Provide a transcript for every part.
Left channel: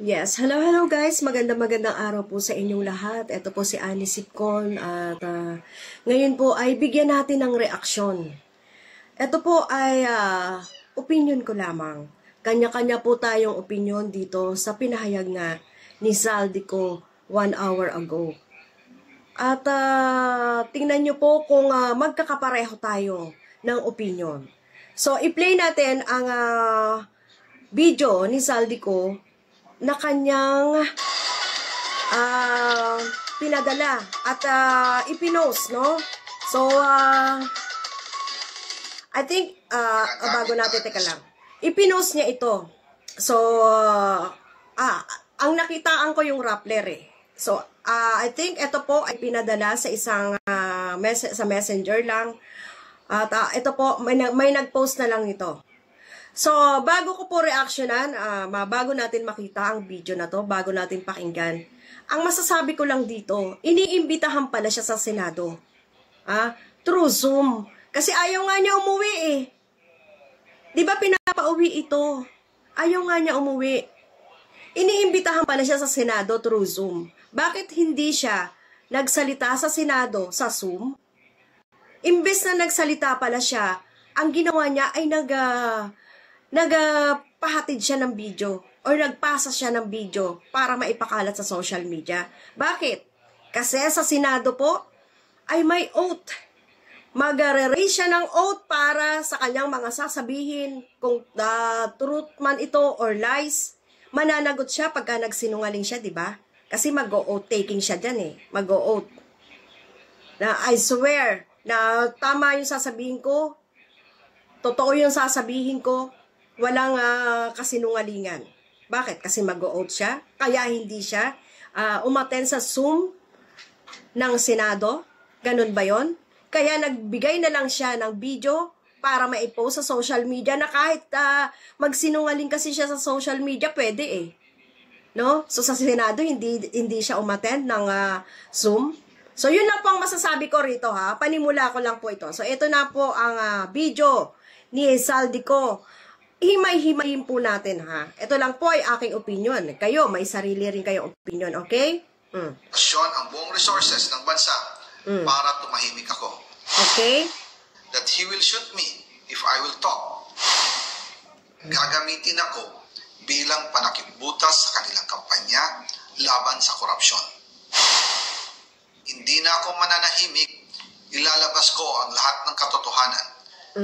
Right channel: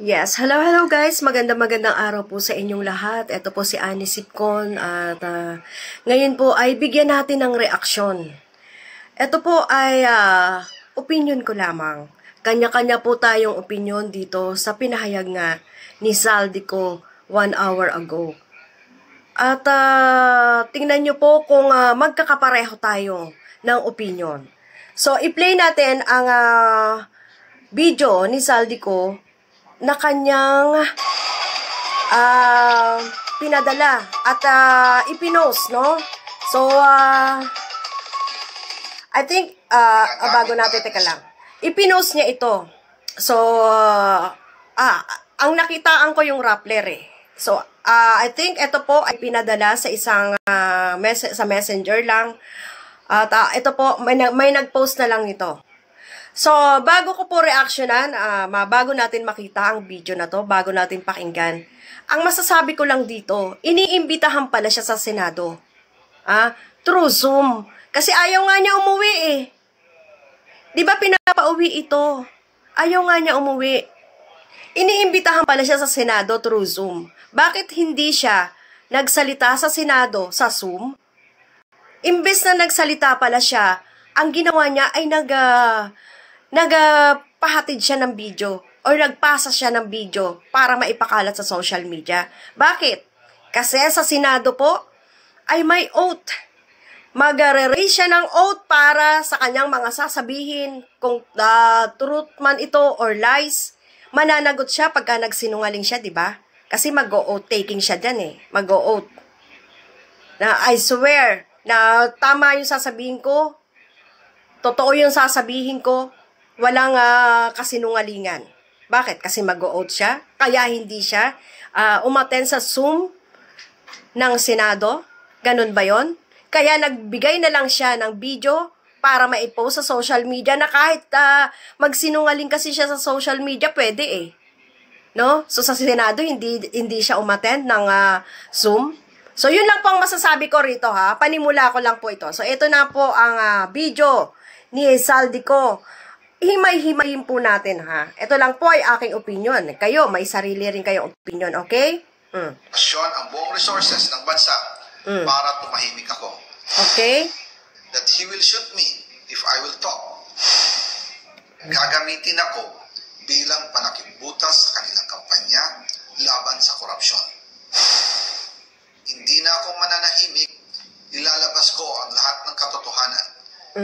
Yes, hello guys. Magandang araw po sa inyong lahat. Ito po si Annie Sipcon at ngayon po ay bigyan natin ng reaksyon. Ito po ay opinion ko lamang. Kanya-kanya po tayong opinion dito sa pinahayag nga ni Zaldico 1 hour ago. At tingnan nyo po kung magkakapareho tayo ng opinion. So, i-play natin ang video ni Zaldico na kanyang pinadala at ipinost, no? So, I think, bago natin, teka lang. Ipinost niya ito. So, ang nakitaan ko yung Rappler eh. So, I think ito po ay pinadala sa isang sa messenger lang. At ito po, may nag-post na lang nito. So, bago ko po reactionan, bago natin makita ang video na to, bago natin pakinggan, ang masasabi ko lang dito, iniimbitahan pala siya sa Senado. Through Zoom. Kasi ayaw nga niya umuwi eh. Di ba pinapauwi ito? Ayaw nga niya umuwi. Iniimbitahan pala siya sa Senado through Zoom. Bakit hindi siya nagsalita sa Senado sa Zoom? Imbes na nagsalita pala siya, ang ginawa niya ay nagpahatid siya ng video or nagpasa siya ng video para maipakalat sa social media. Bakit? Kasi sa Senado po ay may oath. Mag-raise siya ng oath para sa kanyang mga sasabihin kung truth man ito or lies. Mananagot siya pagka nagsinungaling siya, di ba? Kasi mag-oath taking siya dyan eh. Mag-oath. Na I swear na tama yung sasabihin ko. Totoo yung sasabihin ko. Walang kasinungalingan. Bakit? Kasi mag-o-out siya. Kaya hindi siya umattend sa Zoom ng Senado. Ganun ba yon? Kaya nagbigay na lang siya ng video para maipost sa social media na kahit magsinungaling kasi siya sa social media, pwede eh. No? So sa Senado, hindi siya umattend ng Zoom. So yun lang po ang masasabi ko rito ha. Panimula ko lang po ito. So ito na po ang video ni Zaldico. Himay-himayin po natin ha. Ito lang po ay aking opinion. Kayo, may sarili rin kayong opinion, okay? Ang buong resources ng bansa para tumahimik ako. Okay? That he will shoot me if I will talk. Gagamitin ako bilang panakimbutas sa kanilang kampanya laban sa korupsyon. Hindi na ako mananahimik, ilalabas ko ang lahat ng katotohanan.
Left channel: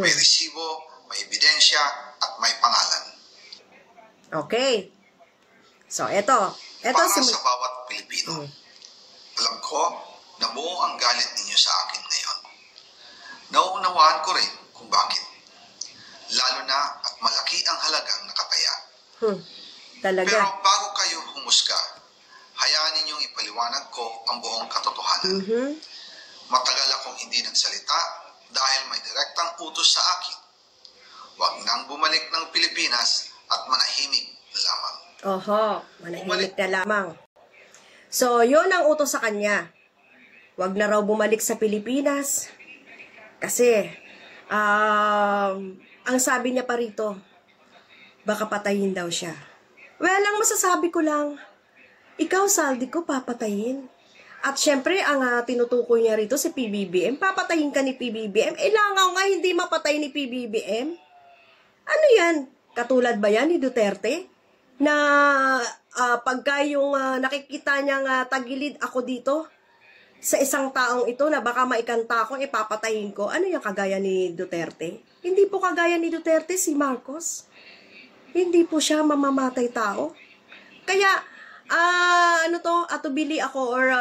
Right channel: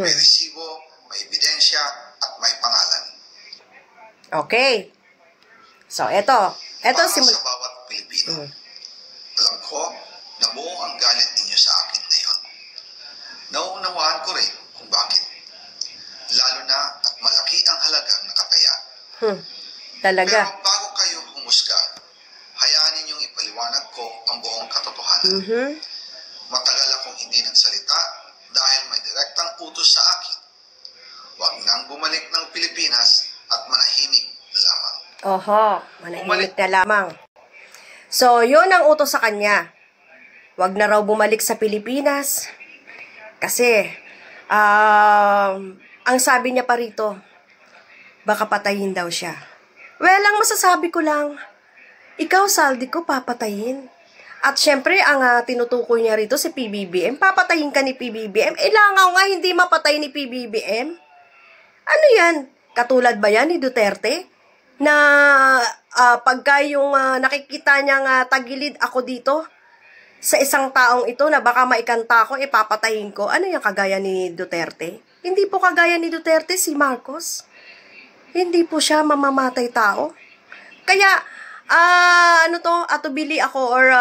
May resibo, may ebidensya, at may pangalan. Okay. So, ito para sa bawat Pilipino. Alam ko na buo ang galit ninyo sa akin ngayon. Nauunawaan ko rin kung bakit. Lalo na at malaki ang halagang nakataya. Talaga. Pero bago kayo humusga, hayaan ninyong ipaliwanag ko ang buong katotohanan. Matagal akong hindi nagsalita dahil may direktang utos sa akin. Huwag nang bumalik ng Pilipinas at manahimik na lamang. Manahimik na lamang. So, yun ang utos sa kanya. Huwag na raw bumalik sa Pilipinas. Kasi, ang sabi niya pa rito, baka patayin daw siya. Well, ang masasabi ko lang, ikaw, Zaldico, papatayin. At syempre, ang tinutukoy niya rito si PBBM, papatayin ka ni PBBM. Langaw nga hindi mapatay ni PBBM. Ano yan? Katulad ba yan ni Duterte? Na pagka yung nakikita niyang tagilid ako dito sa isang taong ito na baka maikanta ko, papatayin ko. Ano yung kagaya ni Duterte? Hindi po kagaya ni Duterte si Marcos. Hindi po siya mamamatay tao. Kaya, atubili ako or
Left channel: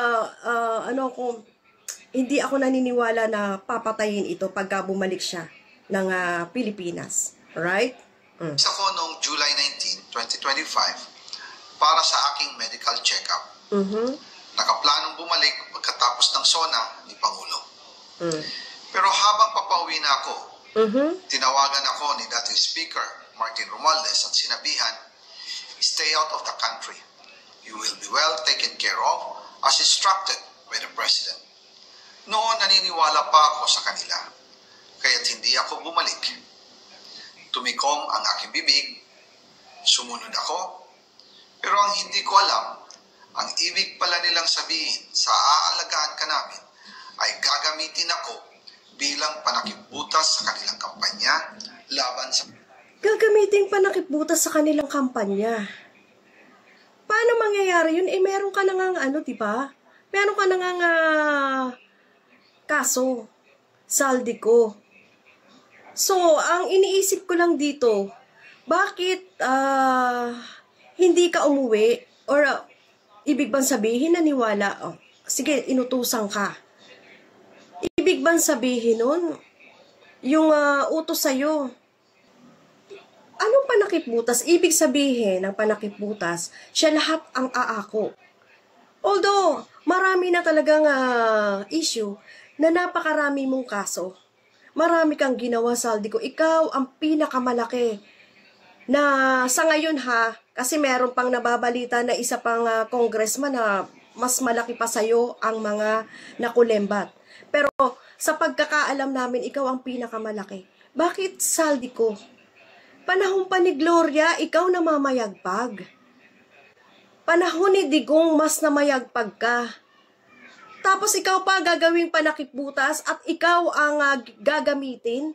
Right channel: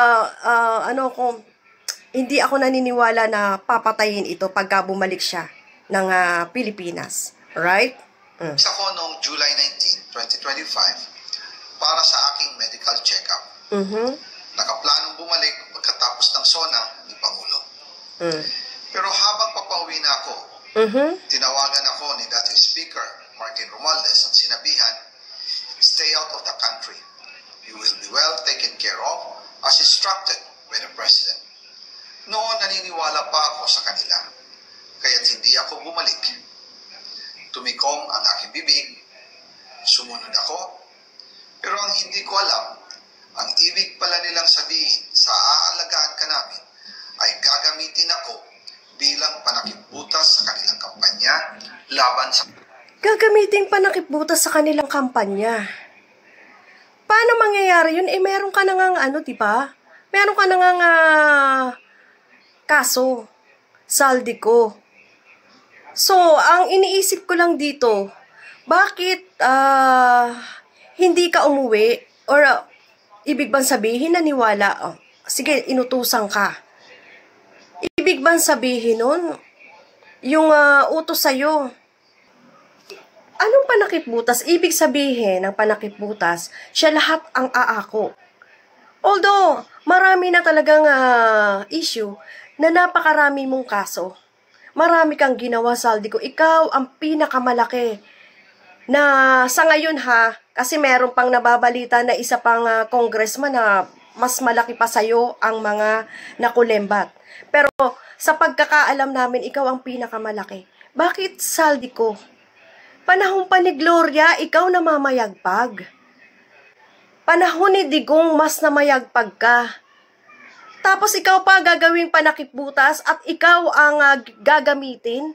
hindi ako naniniwala na papatayin ito pagka bumalik siya ng Pilipinas. Right? Ako noong July 19, 2025 para sa aking medical check-up. Nakaplanong bumalik pagkatapos ng SONA ni Pangulo. Pero habang papauwi na ako, tinawagan ako ni dating Speaker Martin Romualdez at sinabihan, stay out of the country. You will be well taken care of as instructed by the President. Noon naniniwala pa ako sa kanila, kaya't hindi ako bumalik. Tumikom ang aking bibig, sumunod ako, pero ang hindi ko alam, ang ibig pala nilang sabihin sa aalagaan ka namin ay gagamitin ako bilang panakipbutas sa kanilang kampanya laban sa... Gagamitin panakipbutas sa kanilang kampanya. Paano mangyayari yun? Meron ka na nga di ba? Meron ka na nga kaso. Saldi ko. So, ang iniisip ko lang dito, bakit hindi ka umuwi? Or ibig bang sabihin naniwala? Sige, inutusan ka. Ibig bang sabihin nun? Yung utos sa'yo. Anong panakipbutas? Ibig sabihin ng panakipbutas, siya lahat ang aako. Although, marami na talagang issue na napakarami mong kaso. Marami kang ginawa, Saldi ko. Ikaw ang pinakamalaki na sa ngayon kasi meron pang nababalita na isa pang congressman na mas malaki pa sa'yo ang mga nakulembat. Pero sa pagkakaalam namin, ikaw ang pinakamalaki. Bakit, Saldi ko? Panahon pa ni Gloria, ikaw na mamayagpag. Panahon ni Digong, mas namayagpag ka. Tapos ikaw pa gagawing panakipbutas at ikaw ang gagamitin?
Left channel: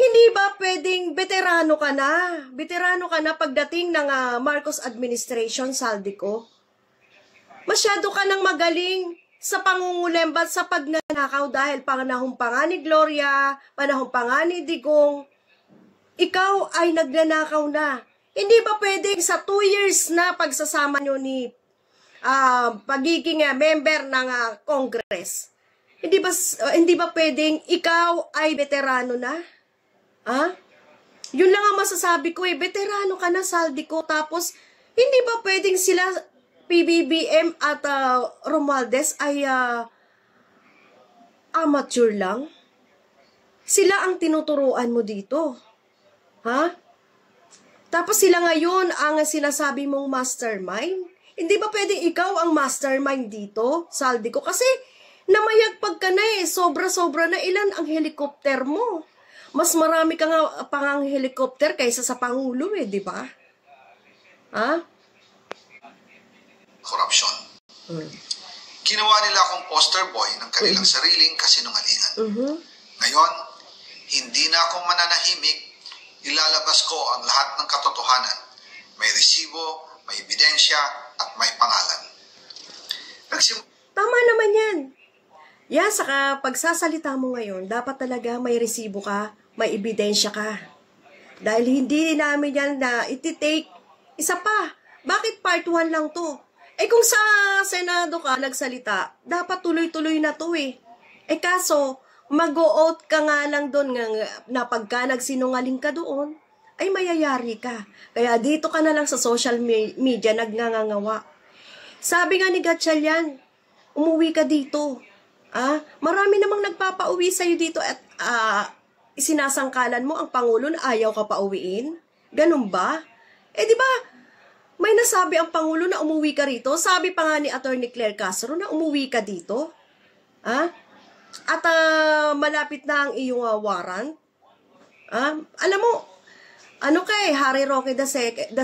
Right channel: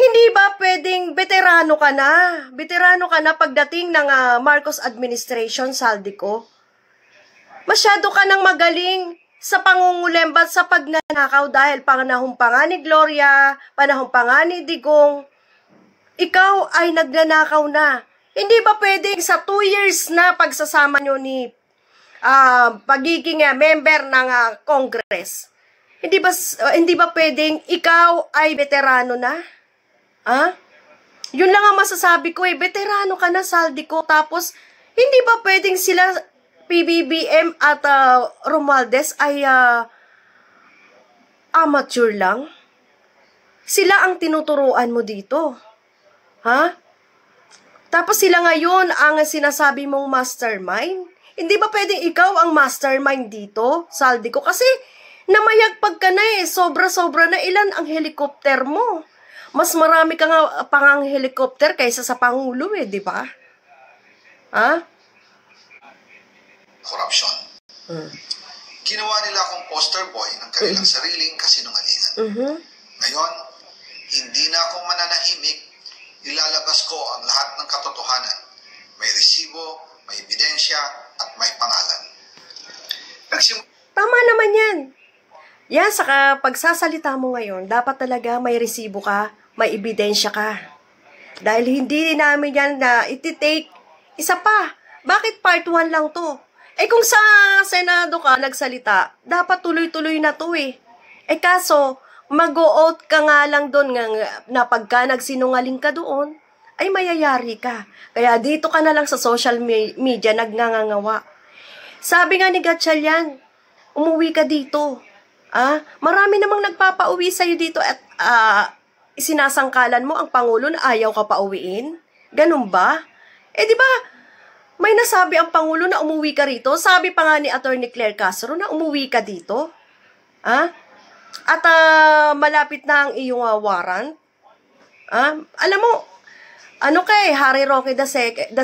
Hindi ba pwedeng veterano ka na? Veterano ka na pagdating ng Marcos administration, Saldi ko? Masyado ka nang magaling sa pangungulembat sa pagnanakaw dahil panahon pa nga ni Gloria, panahon pa nga ni Digong, ikaw ay nagnanakaw na. Hindi ba pwedeng sa 2 years na pagsasama nyo ni pagiging member ng Congress, hindi ba pwedeng ikaw ay veterano na? Yun lang ang masasabi ko veterano ka na, Saldi ko. Tapos, hindi ba pwedeng sila PBBM at Romualdez ay amateur lang? Sila ang tinuturuan mo dito. Tapos sila ngayon ang sinasabi mong mastermind? Hindi ba pwedeng ikaw ang mastermind dito, Saldi ko? Kasi namayagpag ka na sobra-sobra na. Ilan ang helicopter mo? Mas marami ka nga pangang helicopter kaysa sa Pangulo di ba? Korupsyon. Ginawa nila akong poster boy ng kanilang sariling kasinungalingan. Ngayon, hindi na ako mananahimik. Ilalabas ko ang lahat ng katotohanan. May resibo, may ebidensya, at may pangalan. Tama naman yan. Yan, saka pagsasalita mo ngayon, dapat talaga may resibo ka, may ebidensya ka. Dahil hindi namin yan na iti-take isa pa. Bakit part 1 lang to? Kung sa Senado ka nagsalita, dapat tuloy-tuloy na to kaso, mag-o-out ka nga lang doon na pagka nagsinungaling ka doon, ay mayayari ka. Kaya dito ka na lang sa social media nagngangawa. Sabi nga ni Gatchalian, umuwi ka dito. Marami namang nagpapauwi sa'yo dito at isinasangkalan mo ang Pangulo na ayaw ka pauwiin. Ganun ba? Di ba, may nasabi ang Pangulo na umuwi ka rito. Sabi pa nga ni Atty. Claire Castro na umuwi ka dito. At malapit na ang iyong warrant. Alam mo, Harry Roque the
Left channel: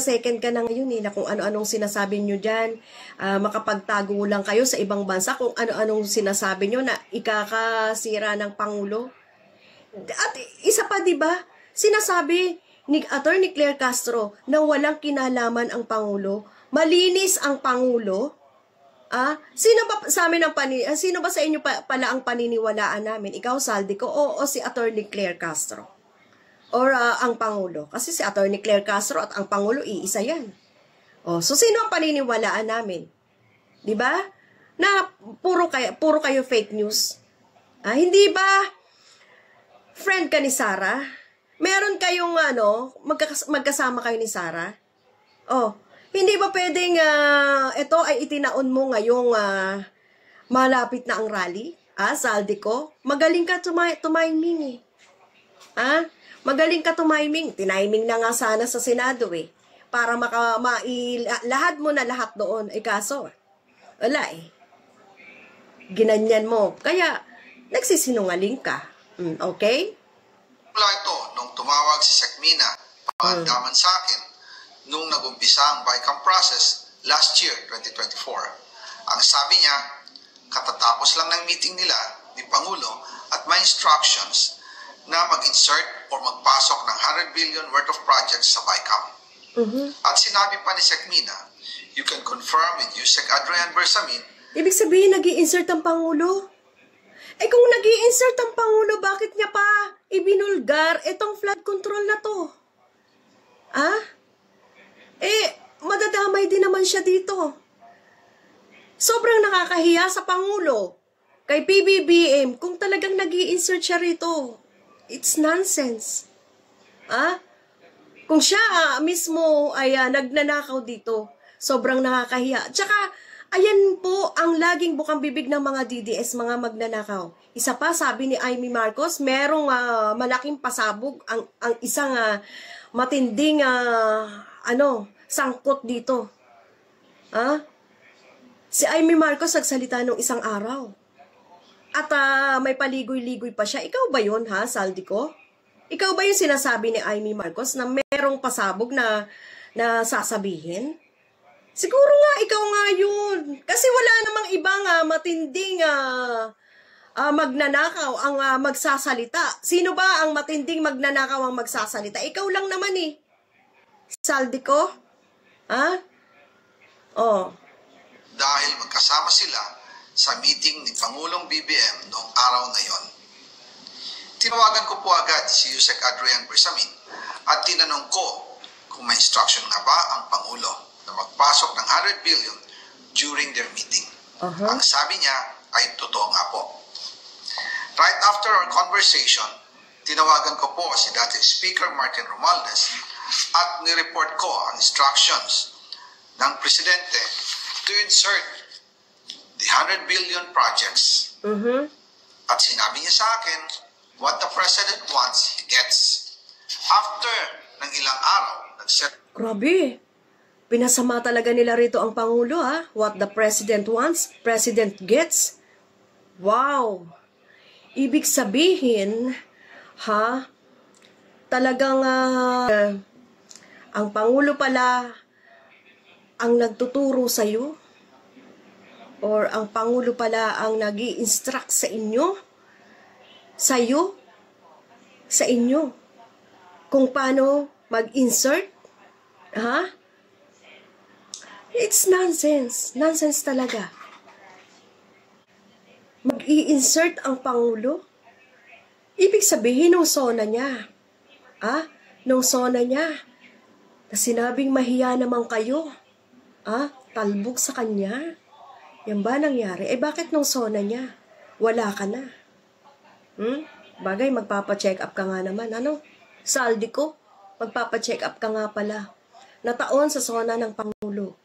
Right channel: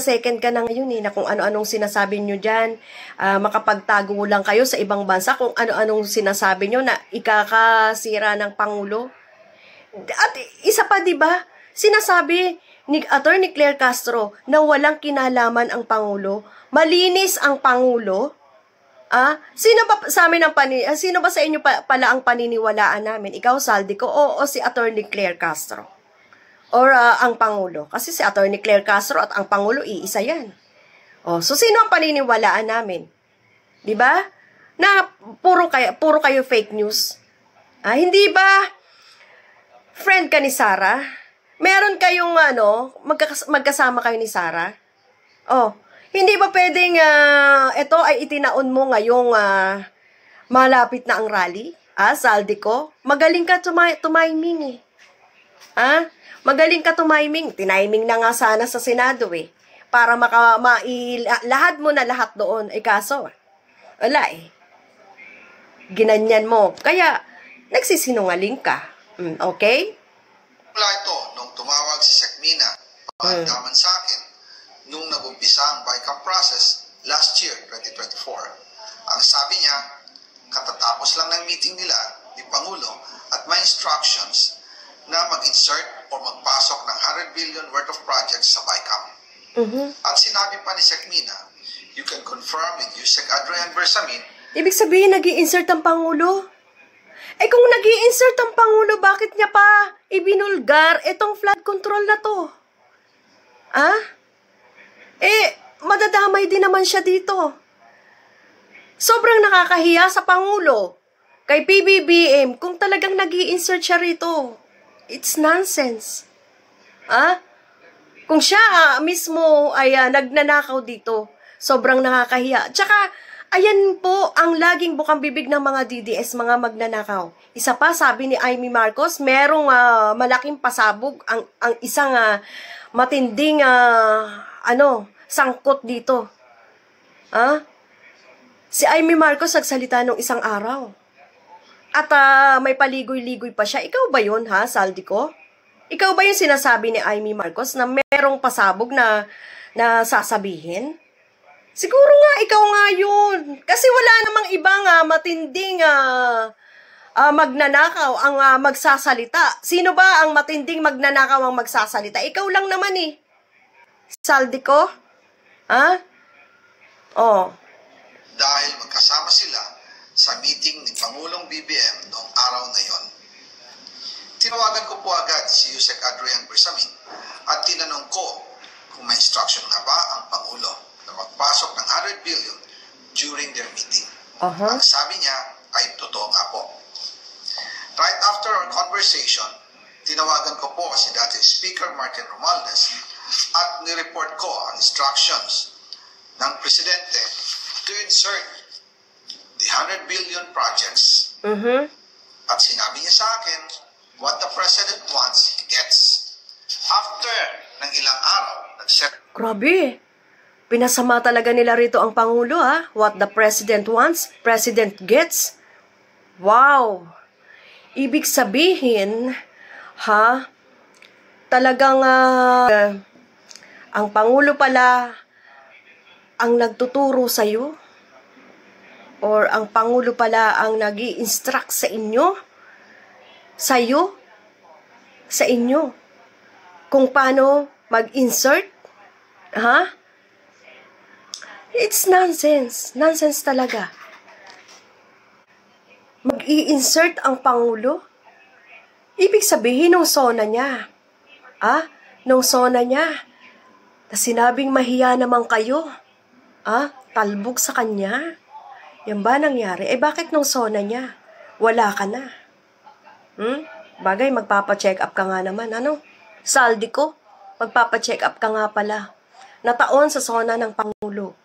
second ka na ngayon na kung ano-anong sinasabi nyo dyan. Makapagtago lang kayo sa ibang bansa kung ano-anong sinasabi nyo na ikakasira ng Pangulo. At isa pa, diba, sinasabi ni Atty. Claire Castro na walang kinalaman ang Pangulo. Malinis ang Pangulo. Sino ba sa amin sino ba sa inyo pala ang paniniwalaan namin? Ikaw, Saldi ko, o si Atty. Claire Castro? Or ang Pangulo? Kasi si Atty. Claire Castro at ang Pangulo, iisa yan. So sino ang paniniwalaan namin? Diba? Na puro kayo fake news. Hindi ba friend ka ni Sara? Meron kayong magkasama kayo ni Sara? Hindi ba pwedeng ito ay itinaon mo ngayong malapit na ang rally? Saldi ko, magaling ka tumiming Magaling ka tumiming. Tiniming na nga sana sa Senado para lahad mo na lahat doon. Kaso, wala Ginanyan mo. Kaya, nagsisinungaling ka. Okay? Wala ito nung tumawag si Sekmina paandaman sa akin nung nag-umpisa ang BICAM process last year, 2024. Ang sabi niya, katatapos lang ng meeting nila ni Pangulo at may instructions na mag-insert or magpasok ng 100 billion worth of projects sa BICAM. At sinabi pa ni Sec Mina, you can confirm with Yusek Adrian Bersamin. Ibig sabihin, nag-i-insert ang Pangulo? Eh kung nag-i-insert ang Pangulo, bakit niya pa ibinulgar itong flood control na to? Madadamay din naman siya dito. Sobrang nakakahiya sa Pangulo. Kay PBBM, kung talagang nag-i-insert siya rito, it's nonsense. Kung siya mismo ay nagnanakaw dito, sobrang nakakahiya. Tsaka, ayan po ang laging bukang bibig ng mga DDS, mga magnanakaw. Isa pa, sabi ni Amy Marcos, merong malaking pasabog ang isang matinding sangkot dito. Si Amy Marcos nagsalita nung isang araw. At may paligoy-ligoy pa siya. Ikaw ba yun, Saldico? Ikaw ba yung sinasabi ni Amy Marcos na merong pasabog na sasabihin? Siguro nga, ikaw nga yun. Kasi wala namang ibang matinding magnanakaw ang magsasalita. Sino ba ang matinding magnanakaw ang magsasalita? Ikaw lang naman eh. Saldico? Dahil magkasama sila sa meeting ni Pangulong BBM noong araw na yon. Tinawagan ko po agad si Yusek Adrian Bersamin at tinanong ko kung may instruction nga ba ang Pangulo na magpasok ng 100 billion during their meeting. Ang sabi niya ay totoo nga po. Right after our conversation, tinawagan ko po si dating Speaker Martin Romualdez at nireport ko ang instructions ng Presidente to insert the 100 billion projects. At sinabi niya sa akin, what the President wants, he gets. After ng ilang araw, grabe. Pinasama talaga nila rito ang Pangulo, What the President wants, President gets. Wow. Ibig sabihin, talagang ang Pangulo pala ang nagtuturo sa'yo? Or ang Pangulo pala ang nag-i-instruct sa inyo? Sa'yo? Sa inyo? Kung paano mag-insert? It's nonsense. Nonsense talaga. Mag-i-insert ang Pangulo? Ibig sabihin, nung sona niya. Nung sona niya. Na sinabing mahiya naman kayo. Talbog sa kanya. Yan ba nangyari? Bakit nung sona niya? Wala ka na. Bagay, magpapacheck up ka nga naman. Saldico, magpapacheck up ka nga pala. Nataon sa sona ng Pangulo.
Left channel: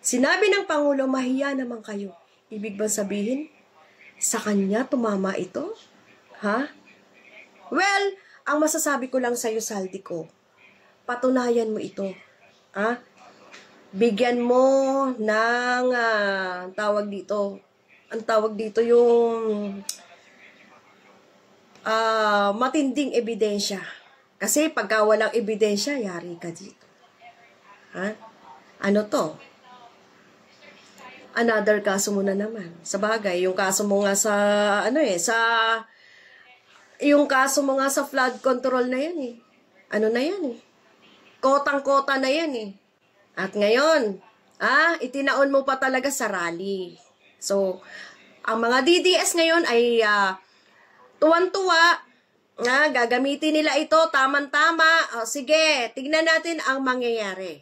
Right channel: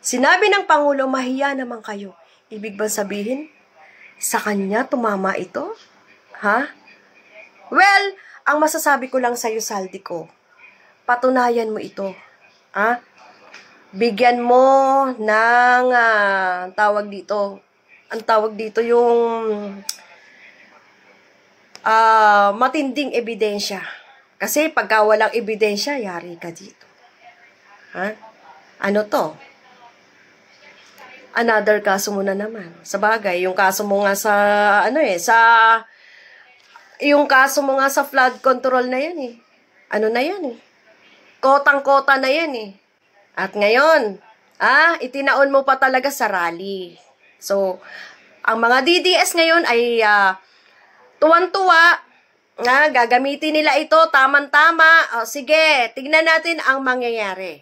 Sinabi ng Pangulo, mahiya naman kayo. Ibig ba sabihin, sa kanya tumama ito? Well, ang masasabi ko lang sa'yo, Saldico, patunayan mo ito. Bigyan mo ng tawag dito. Ang tawag dito yung matinding ebidensya. Kasi pagka walang ebidensya, yari ka dito. Ano to? Another kaso mo na naman. Sa bagay, yung kaso mo nga sa yung kaso mo nga sa flood control na yan eh. Ano na yan eh? Kotang-kota na yan eh. At ngayon, itinaon mo pa talaga sa rally. So, ang mga DDS ngayon ay tuwan-tuwa, gagamitin nila ito, tamang-tama. Sige, tignan natin ang mangyayari.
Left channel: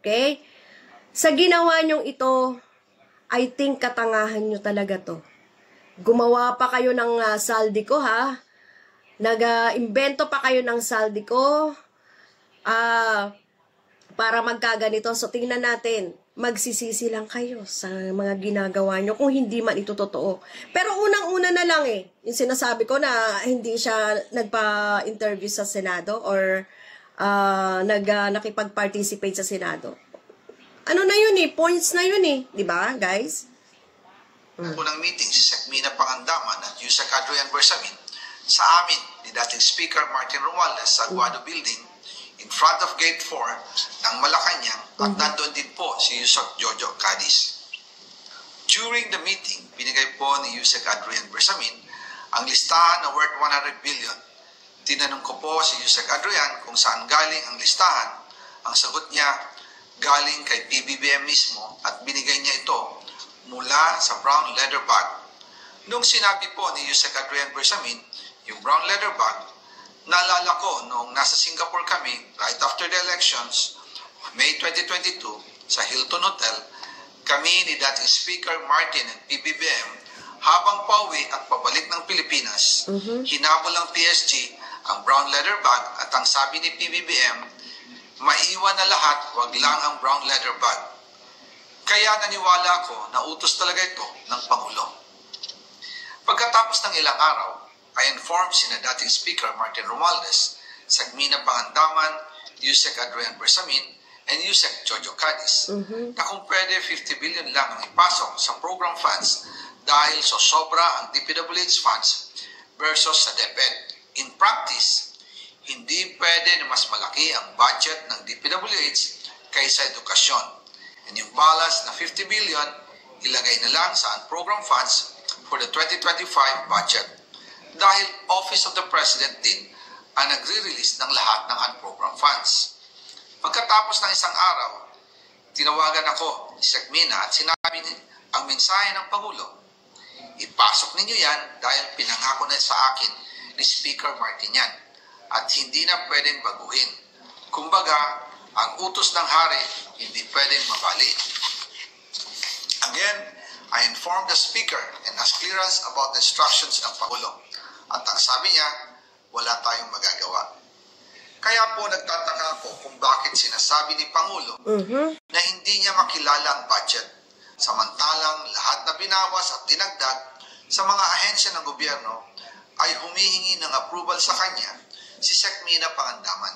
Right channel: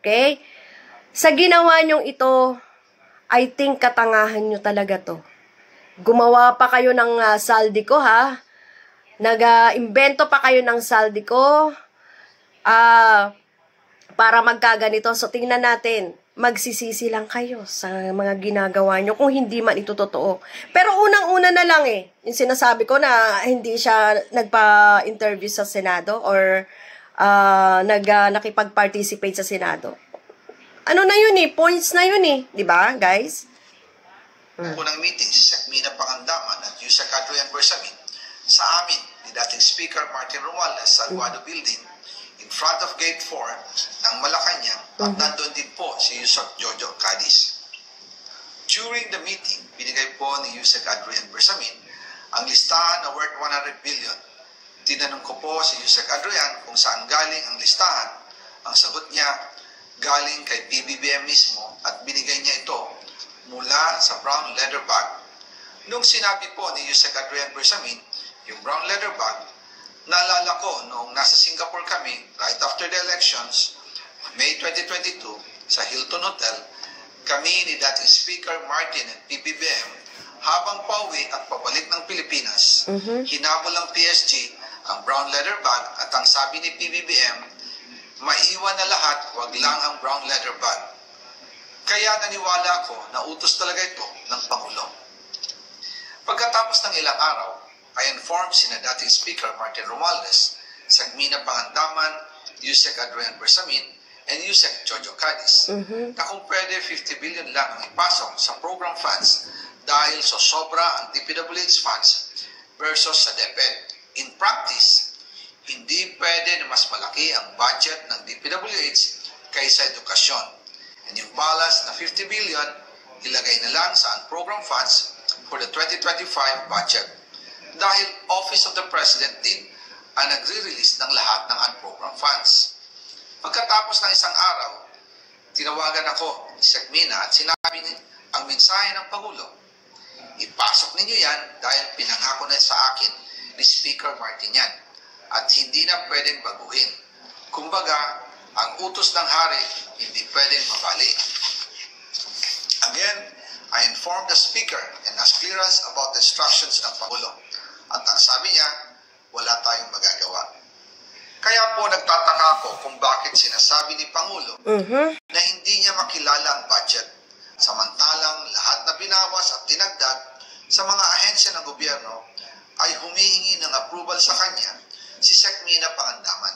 Okay? Sa ginawa nyong ito, I think katangahan nyo talaga to. Gumawa pa kayo ng Saldico, Nag-invento pa kayo ng Saldico, para magkaganito. So, tingnan natin, magsisisi lang kayo sa mga ginagawa nyo kung hindi man ito totoo. Pero unang-una na lang yung sinasabi ko na hindi siya nagpa-interview sa Senado or nakipag-participate sa Senado. Ano na yun points na yun di ba, guys? Unang meeting si Sec Mina Pangandaman at Yusek Adrian Bersamin sa amin ni dating Speaker Martin Romualdez sa Aguado Building in front of Gate 4 ng Malacanang at nandun din po si Yusek Jojo Cadiz. During the meeting, binigay po ni Yusek Adrian Bersamin ang listahan na worth 100 billion. Tinanong ko po si Yusek Adrian kung saan galing ang listahan. Ang sagot niya, galing kay PBBM mismo at binigay niya ito mula sa brown leather bag. Nung sinabi po ni Yusek Adrian Bersamin, yung brown leather bag, naalala ko nung nasa Singapore kami right after the elections, May 2022, sa Hilton Hotel, kami ni dating Speaker Martin at PBBM habang pauwi at pabalik ng Pilipinas, hinabol ng PSG ang brown leather bag at ang sabi ni PBBM, maiwan na lahat, wag lang ang brown leather bag. Kaya naniwala ako na utos talaga ito ng Pangulo. Pagkatapos ng ilang araw, I informed sina dating Speaker Martin Romualdez, Sagmina Pangandaman, Yusek Adrian Bersamin, and Yusek Jojo Cadiz na kung pwede 50 billion lang ang ipasok sa program funds dahil sa sobra ang DPWH funds versus sa DepEd. In practice, hindi pwede na mas malaki ang budget ng DPWH kaysa edukasyon. And yung balance na 50 billion, ilagay na lang sa program funds for the 2025 budget. Dahil Office of the President din ang nagre-release ng lahat ng unprogram funds. Pagkatapos ng isang araw, tinawagan ako ni Sagmina at sinabi ang mensahe ng Pangulo. Ipasok ninyo yan dahil pinangako na sa akin ni Speaker Martin yan at hindi na pwedeng baguhin. Kumbaga, ang utos ng hari hindi pwedeng mabali. Again, I informed the Speaker and asked clearance about the instructions ng Pangulo. At ang sabi niya, wala tayong magagawa. Kaya po nagtataka ako kung bakit sinasabi ni Pangulo na hindi niya makilala ang budget. Samantalang lahat na binawas at dinagdag sa mga ahensya ng gobyerno ay humihingi ng approval sa kanya si Sagmina Pangandaman.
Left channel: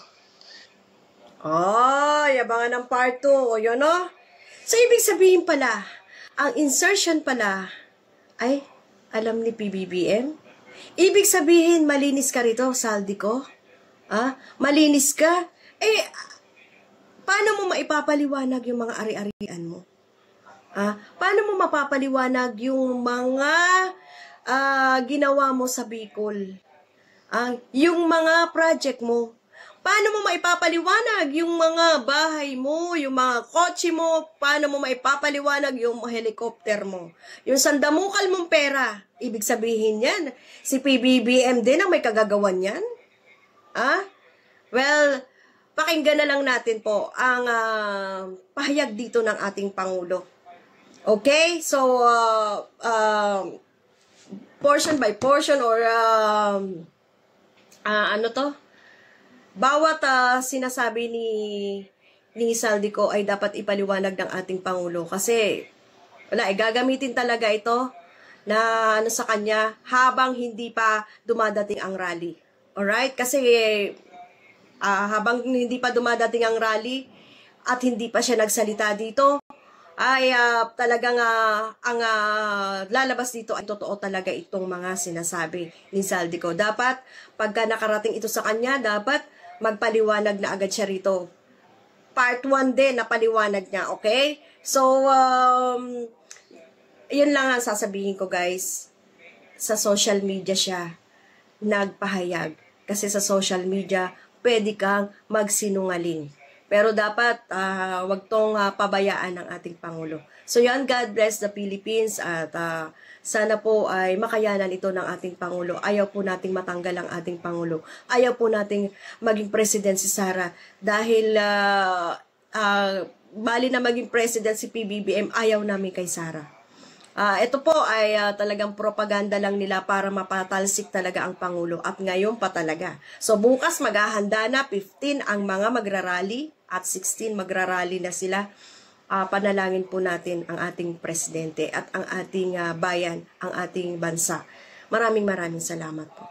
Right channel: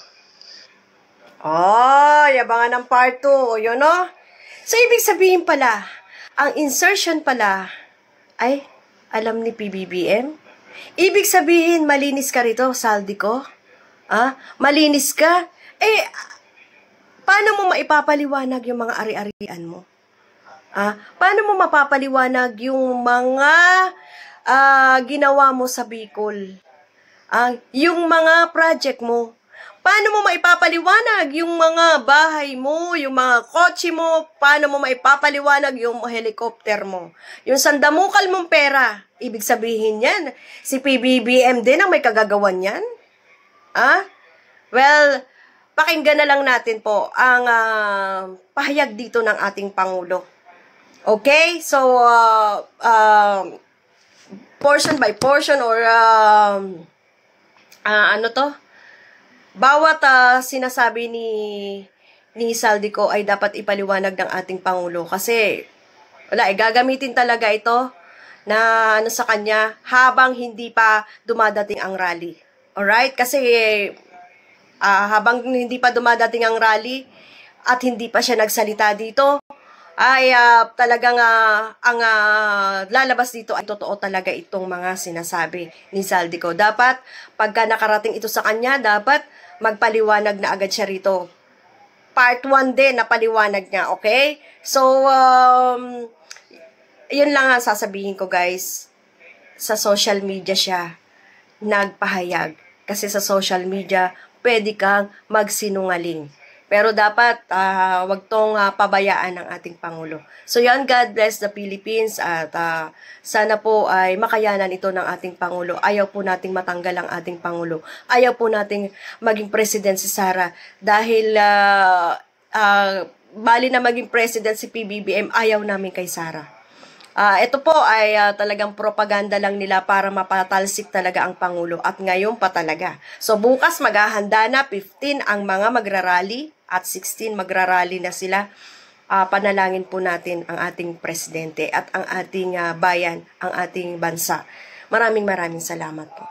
Yabangan ng part 2. O yun, no? So, ibig sabihin pala, ang insertion pala ay alam ni PBBM. Ibig sabihin, malinis ka rito, Saldi ko. Malinis ka. Paano mo maipapaliwanag yung mga ari-arian mo? Paano mo mapapaliwanag yung mga ginawa mo sa Bicol? Yung mga project mo? Paano mo maipapaliwanag yung mga bahay mo, yung mga kotse mo? Paano mo maipapaliwanag yung helicopter mo? Yung sandamukal mong pera, ibig sabihin yan, si PBBM din ang may kagagawan yan? Well, pakinggan na lang natin po ang pahayag dito ng ating Pangulo. Okay? So, portion by portion or bawat sinasabi ni Saldico ay dapat ipaliwanag ng ating Pangulo kasi wala, gagamitin talaga ito na sa kanya habang hindi pa dumadating ang rally. Alright? Kasi habang hindi pa dumadating ang rally at hindi pa siya nagsalita dito, ay talagang ang lalabas dito ay totoo talaga itong mga sinasabi ni Saldico. Dapat, pagka nakarating ito sa kanya, dapat magpaliwanag na agad siya rito. Part 1 din na paliwanag niya, okay? So, yun lang ang sasabihin ko, guys. Sa social media siya nagpahayag. Kasi sa social media, pwede kang magsinungaling. Pero dapat, wag tong pabayaan ng ating Pangulo. So yan, God bless the Philippines at sana po ay makayanan ito ng ating Pangulo. Ayaw po nating matanggal ang ating Pangulo. Ayaw po nating maging president si Sara dahil bali na maging president si PBBM, ayaw namin kay Sara. Ito po ay talagang propaganda lang nila para mapatalsik talaga ang Pangulo at ngayon pa talaga. So bukas maghahanda na 15 ang mga magrarally at 16 magrarally na sila. Panalangin po natin ang ating presidente at ang ating bayan, ang ating bansa. Maraming salamat po.